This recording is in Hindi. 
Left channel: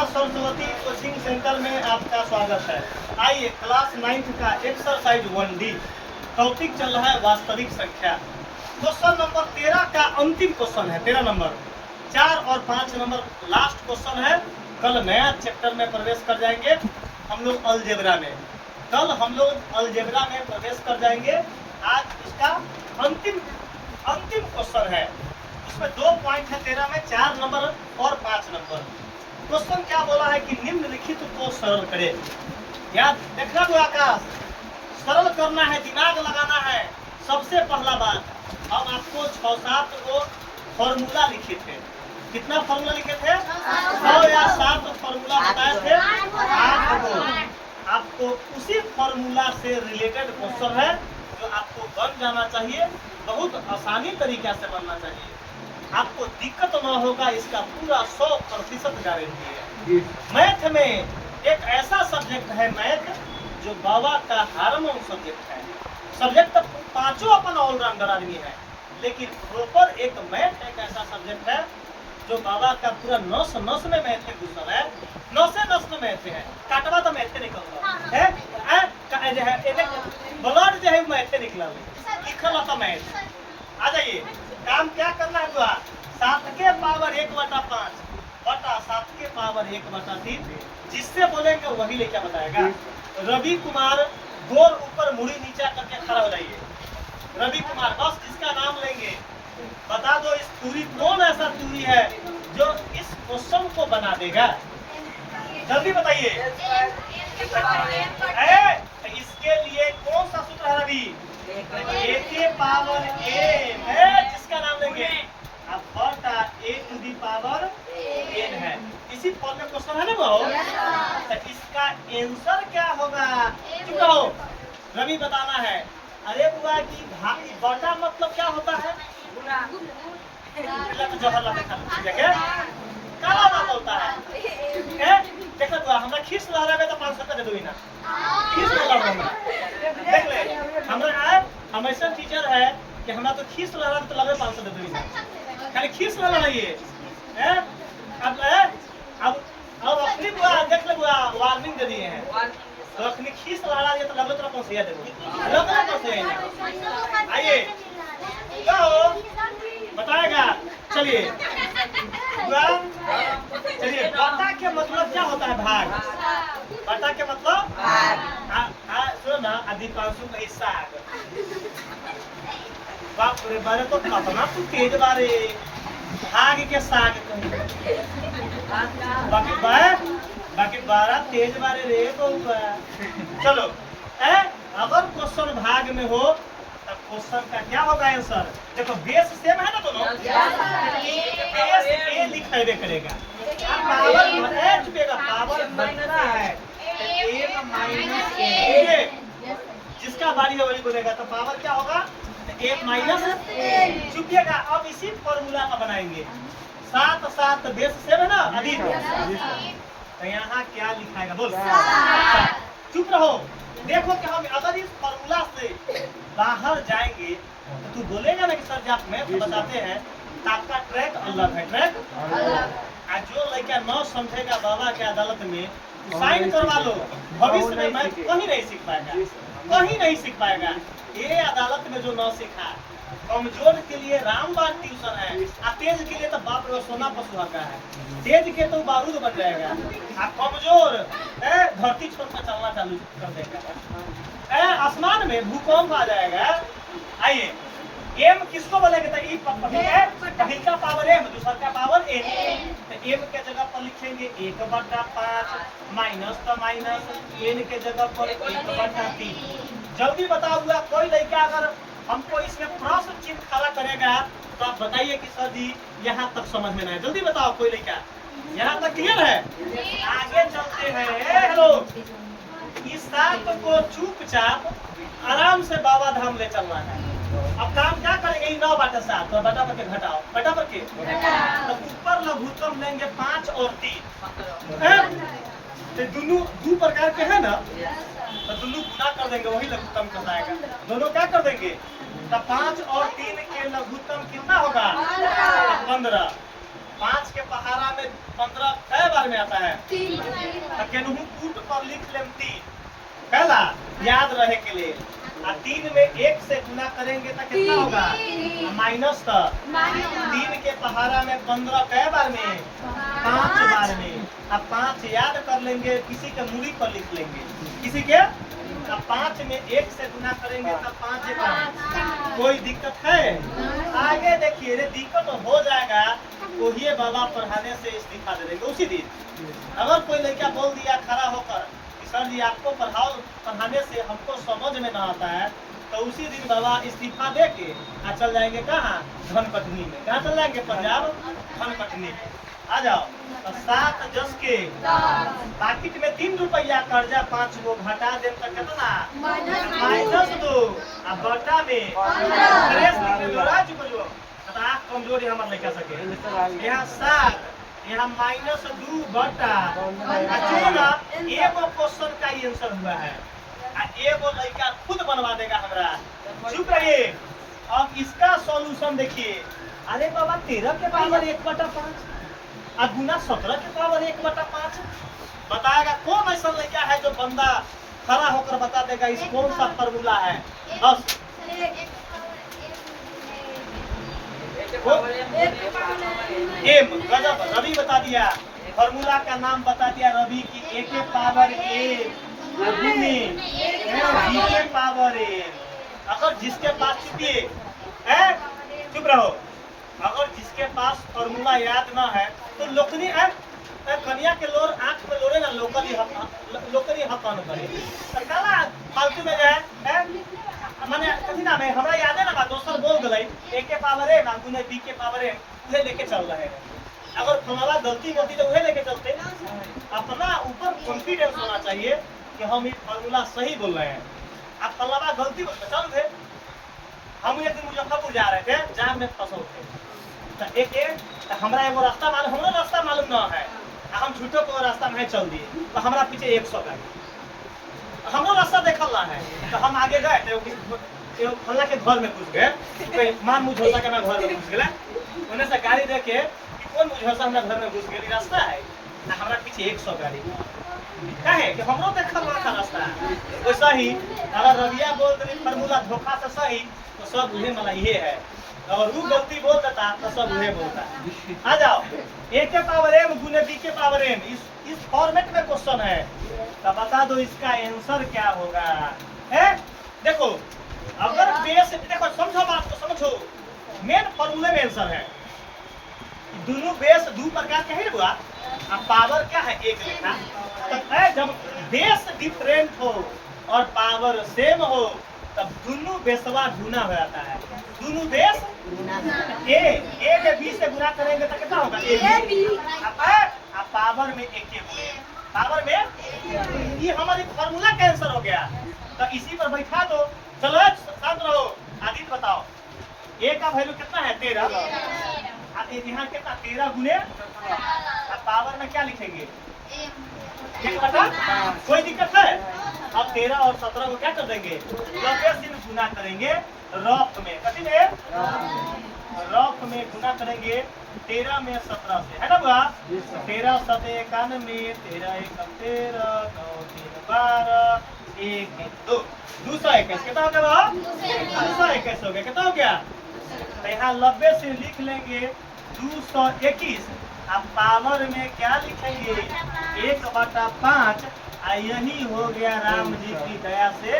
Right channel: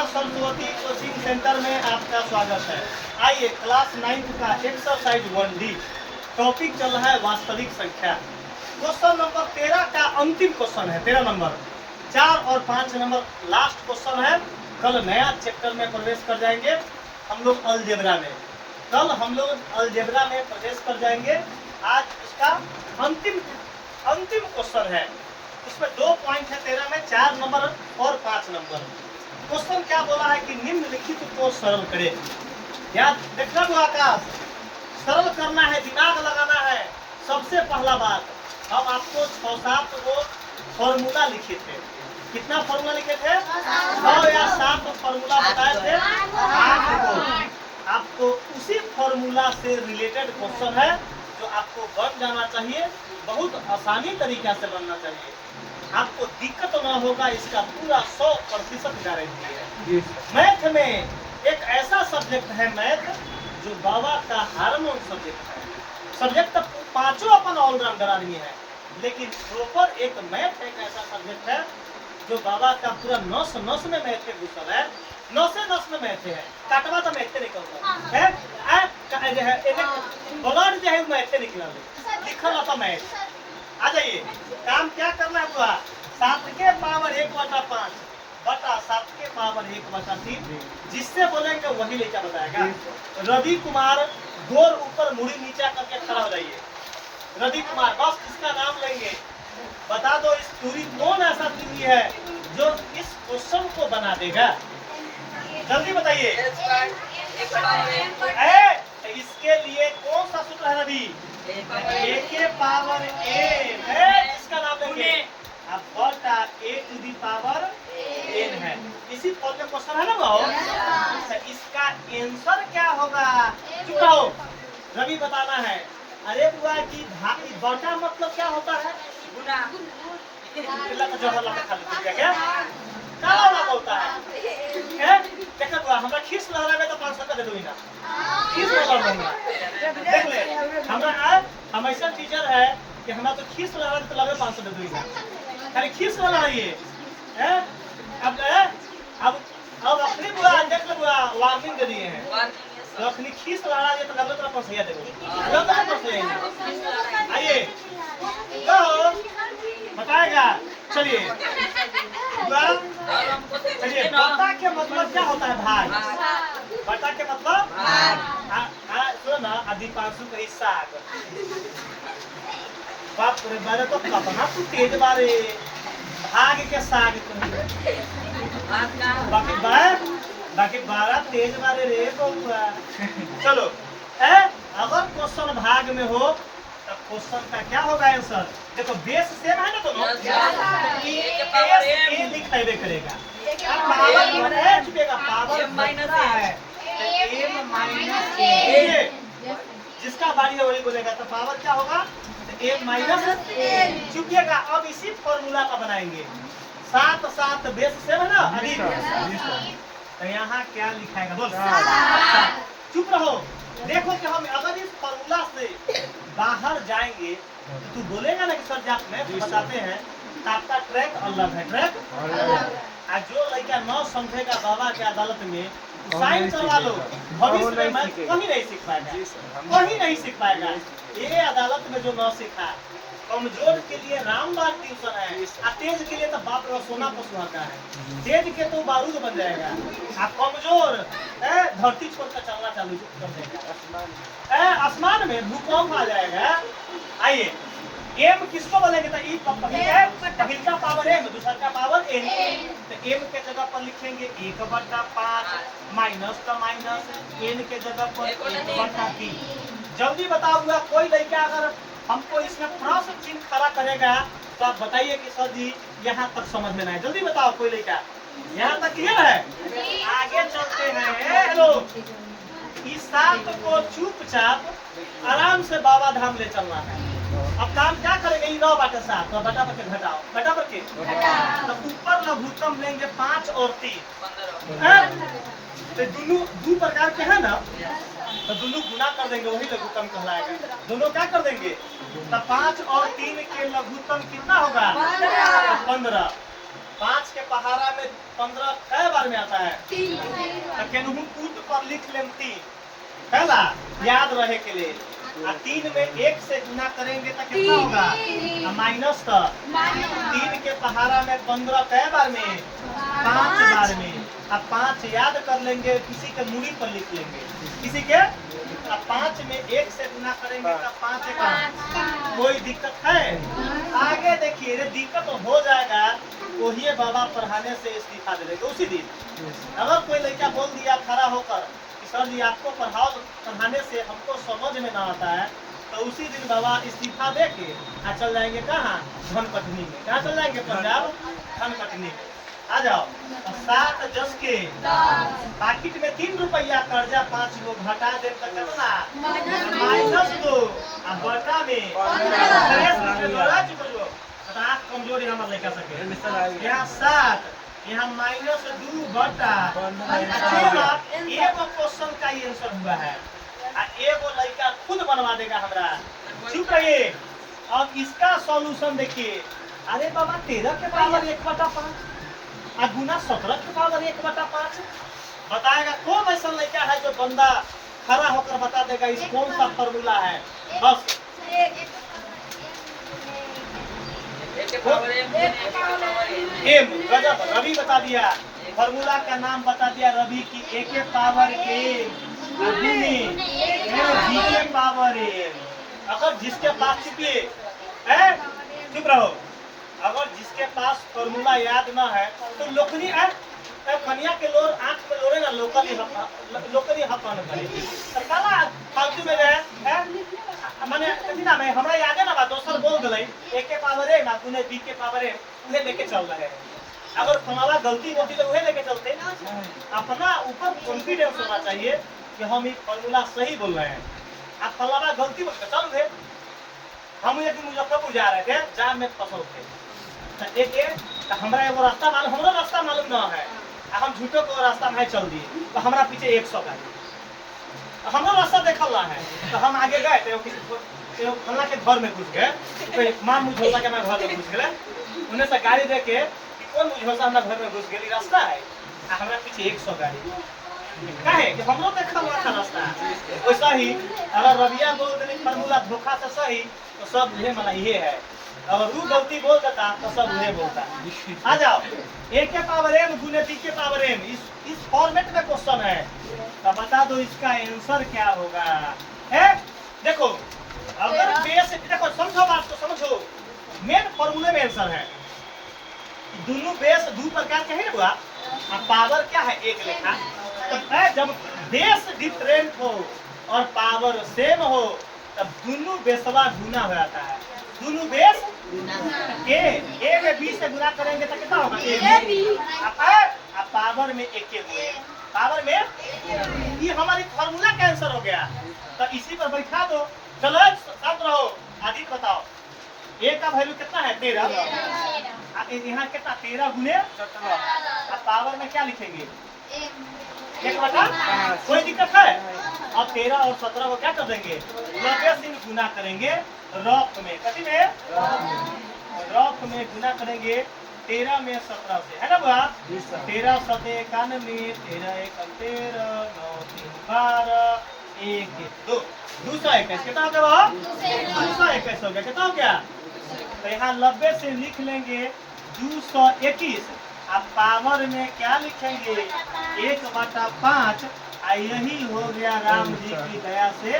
माता सरस्वती कोचिंग सेंटर में आपका स्वागत है। आइए क्लास 9 का एक्सरसाइज 1D टॉपिक चल रहा है वास्तविक संख्या। क्वेश्चन नंबर 13 का अंतिम क्वेश्चन है। 13 नंबर 4 और 5 नंबर लास्ट क्वेश्चन है। कल नया चैप्टर में प्रवेश कर जाएंगे हम लोग अलजेब्रा में। कल हम लोग अलजेब्रा में प्रवेश कर जाएंगे। आज इसका अंतिम क्वेश्चन है। इसमें 2 पॉइंट है 13 में, 4 नंबर और 5 नंबर। क्वेश्चन क्या बोला है कि निम्नलिखित को सरल करें। याद देखना तो आकाश, सरल करना है, दिमाग लगाना है। सबसे पहला बात, हम आपको 6-7 को फॉर्मूला लिखे थे। कितना फॉर्मूला लिखे थे? 6 या 7 फॉर्मूला बताए थे। 8 को आपको उसी फॉर्मूला से रिलेटेड क्वेश्चन है जो आपको बन जाना चाहिए। बहुत आसानी तरीका से बनना चाहिए, आपको दिक्कत न होगा, इसका पूरा 100% गारंटी है। मैथ में एक ऐसा सब्जेक्ट है मैथ जो बाबा का हार्मोन सब्जेक्ट है। सब्जेक्ट तो पांचों अपन ऑलराउंडर आदमी है, लेकिन प्रॉपर एक मैथ एक ऐसा सब्जेक्ट है जो बाबा का पूरा नस नस में मैथ घुसल है। नसे नस में मैथ है, काटवा तो मैथ निकलता है, ब्लड जो है मैथ निकला लिखल होता मैथ। आ जाइए, काम क्या करना हुआ, 7 के पावर 1/5 बटा 7 के पावर 1/3, जिससे बोलेंगे वही लेकर बताएगा। रवि कुमार गोर ऊपर मुड़ी नीचा करके खड़ा हो जाइए। रवि कुमार, बस इसका नाम लेंगे। बता दो इस दूरी कौन ऐसा दूरी है जो इस क्वेश्चन को बना देगा, जल्दी बताइए। इसके लिए कौन सा सूत्र है रवि? a के पावर n है, जिसका नाम लेंगे। अब बटा a to the power n है। इसी फॉर्म में क्वेश्चन है ना वो? तो इसका आंसर क्या होगा? चुप रहो, रवि बताना है। अरे बुआ की भाई, बटा मतलब क्या होता है? गुना। तो जहर लगा खा क्या क्या बोलता है? देखा बुआ, हमरा खीस लहरावे तो 500 रुपया दे दो ना। खीस लहरावे देख ले, हम ऐसा टीचर है कि हमरा तो खीस लहरावे तो लगे 500 दे दो ना। खाली खीस लहराइए। अब अपनी बुआ देख ले, बुआ वार्निंग दे दिए हैं। तो अपनी खीस लहरा दिए तो लगे तो 500 दे दो, लगे तो 500। आइए तो बताएगा। चलिए चलिए, बटा के मतलब क्या होता है? भाग। बटा के मतलब सुनो ना, दीपांशु का हिस्सा बाप रे, बारे तो कतना तू तेज बारे, भाग के साग बाकी 12 तेज बारे रे बउआ। चलो अगर क्वेश्चन भाग में हो तो क्वेश्चन का क्या होगा आंसर? देखो बेस सेम है ना दोनों, ए लिख पाएबे करेगा। पावर छुपेगा, पावर माइनस है, m माइनस a, जिसका बारी है वही बोलेगा। तो पावर क्या होगा? m माइनस छुपेगा। अब इसी फॉर्मूला का बनाएंगे। 7 बेस सेम है ना अधिक, तो यहाँ क्या लिखाएगा बोल? चुप रहो। देखो कि हम अगर इस फॉर्मूला से बाहर जाएंगे तो तू बोलेगा ना कि सर जी आप मैथ बताते हैं तो आपका ट्रैक अलग है, ट्रैक अलग। जो लड़का न समझेगा बाबा के अदालत में साइन करवा लो, भविष्य में मैथ कहीं नहीं सीख पाएगा, कहीं नहीं सीख पाएगा। ये अदालत में जो न सीखा, कमजोर के लिए रामबाग ट्यूशन है, और तेज के लिए तो बाप रे सोना पर सुहागा है। तेज के तो बारूद बन जाएगा, और कमजोर धरती छोड़कर चलना चालू कर देगा। आसमान में भूकंप आ जाएगा। आइए, एम किसको बोलेंगे? तो पहिल का पावर एम, दूसरा का पावर एन। तो एम के जगह पर लिखेंगे 1/5 माइनस का माइनस, एन के जगह पर 1/3। जल्दी बताऊंगा, कोई लड़का अगर हमको इसमें प्रश्न चिन्ह खड़ा करेगा तो आप बताइए कि सर जी यहाँ तक समझ में ना है। जल्दी बताओ, कोई लड़का यहाँ तक क्लियर है? आगे चलते हैं। हेलो, इस 7 को चुपचाप आराम से बाबा धाम ले चलना है। अब काम क्या करेंगे? 9/7 तो बटा पर के घटाओ, बटा पर के तो ऊपर लघुत्तम लेंगे 5 और 3। तो दोनों 2 प्रकार के है ना, तो दोनों गुना कर देंगे, वही लघुत्तम कहलाएगा। दोनों क्या कर देंगे? तो 5 और 3 के लघुत्तम कितना होगा? 15। 5 के पहाड़ा में 15 कै बार में आता है? केनहू कूट पर लिख लें 3 पहला याद रहे के लिए। 3 में 1 से गुना करेंगे तो कितना होगा? माइनस। 3 के पहाड़ा में 15 कै बार में? 5 बार में। अब 5 याद कर लेंगे, किसी के मूड़ी पर लिख लेंगे, किसी के। 5 में 1 से गुना करेंगे तो 5 का। कोई दिक्कत है? आगे देखिए, दिक्कत तो हो जाएगा, वही बाबा पढ़ाने से इस्तीफा दे देंगे उसी दिन। अगर कोई लड़का बोल दिया खड़ा होकर, सर जी आपको पढ़ाने से हमको समझ में ना आता है, तो उसी दिन बाबा इस्तीफा दे के चल जाएंगे कहाँ? धनकटनी में। कहाँ चल जाएंगे? पंजाब धनकटनी में। आ जाओ। 7 10 के पाकिट में 3 रुपया कर्जा 5 गो घटा दे तो कितना? -2 बटा में कमजोरी हमारे लड़का सके। यहाँ 7, यहाँ -2 बटा। एगो क्वेश्चन का आंसर हुआ है, एगो लड़का खुद बनवा देगा हमरा। चुप रहिए। अब इसका सॉल्यूशन देखिए। अरे बाबा 13 के पावर 1/5 और गुना 17 के पावर 1/5 बताएगा। कौन ऐसा लड़का है जो बंदा खड़ा होकर बता देगा इस कौन सा फॉर्मूला है? बस एम गजब। रवि बता दिया, फॉर्मूला का नाम बता दिया रवि की। A के पावर m गुने b के पावर m। अगर जिसके पास चुप रहो, अगर जिसके पास फॉर्मूला याद ना है तो लोकनी कन्या के लोर आंख पे लोरे ना लोकली हक न करे सरकाला फालतू में जाए। माने कभी ना मैं हमरा याद है ना, बात दोसर बोल गई A के पावर m गुने b के पावर m, उहे लेके चल रहे हैं। अगर तुम्हारा गलती होती तो उहे लेके चलते। अपना ऊपर कॉन्फिडेंस होना चाहिए कि हम ये फॉर्मूला सही बोल रहे हैं। आप फलाना गलती चल गए। हम एक दिन मुजफ्फरपुर जा रहे थे, जाम में फंसो थे, तो हमारा एगो रास्ता मालूम, हमारा रास्ता मालूम ना है, हम झूठो को रास्ता में चल दिए, तो हमारा पीछे 100 का हमारा रास्ता देखल रहा है। तो हम आगे गए तो फल्ला के घर में घुस गए, मां मुझोसा के मैं घर में घुस गए। उन्हें से गाड़ी देखे कौन मुझोसा हमरा घर में घुस गई, रास्ता है हमारा पीछे 100 गाड़ी काहे कि हमरो देखल रहा था रास्ता। वैसा ही अगर रविया बोल दे फॉर्मूला धोखा से सही तो सब उहे मला ये है, और वो गलती बोल देता तो सब उहे बोलता। आ जाओ। A के पावर m गुने b के पावर m, इस फॉर्मेट में क्वेश्चन है, तो बता दो इसका आंसर क्या होगा? देखो अगर बेस, देखो समझो बात को, समझो मेन फॉर्मूले में आंसर है। दोनों बेस 2 प्रकार के है हुआ, अब पावर क्या है? 1 लिखा है। जब बेस डिफरेंट हो और पावर सेम हो तब दोनों बेसवा गुना हो जाता है। दोनों बेस ए में b से गुना करेंगे तो कितना होगा? अब पावर में 1 हुए, पावर में ये हमारी फॉर्मूला का आंसर हो गया। तो इसी पर बैठा दो। चलो शांत रहो। आदित्य बताओ A का वैल्यू कितना है? 13। यहाँ कितना? 13 गुने। अब पावर में क्या लिखेंगे? 1/5। कोई दिक्कत है? अब 13 और 17 को क्या कर देंगे? 90 से गुना करेंगे रफ में, कथी में? रफ में गुना करेंगे 13 में 17 से, है ना बा? 13 7 91, 13 1 13, 9 3 12, 1 2 221। कितना हो गया? 221 हो गया। कितना हो गया? तो यहाँ 90 से लिख लेंगे 221। अब पावर में क्या लिखेंगे? 1/5। यही हो गया राम जी की दया से।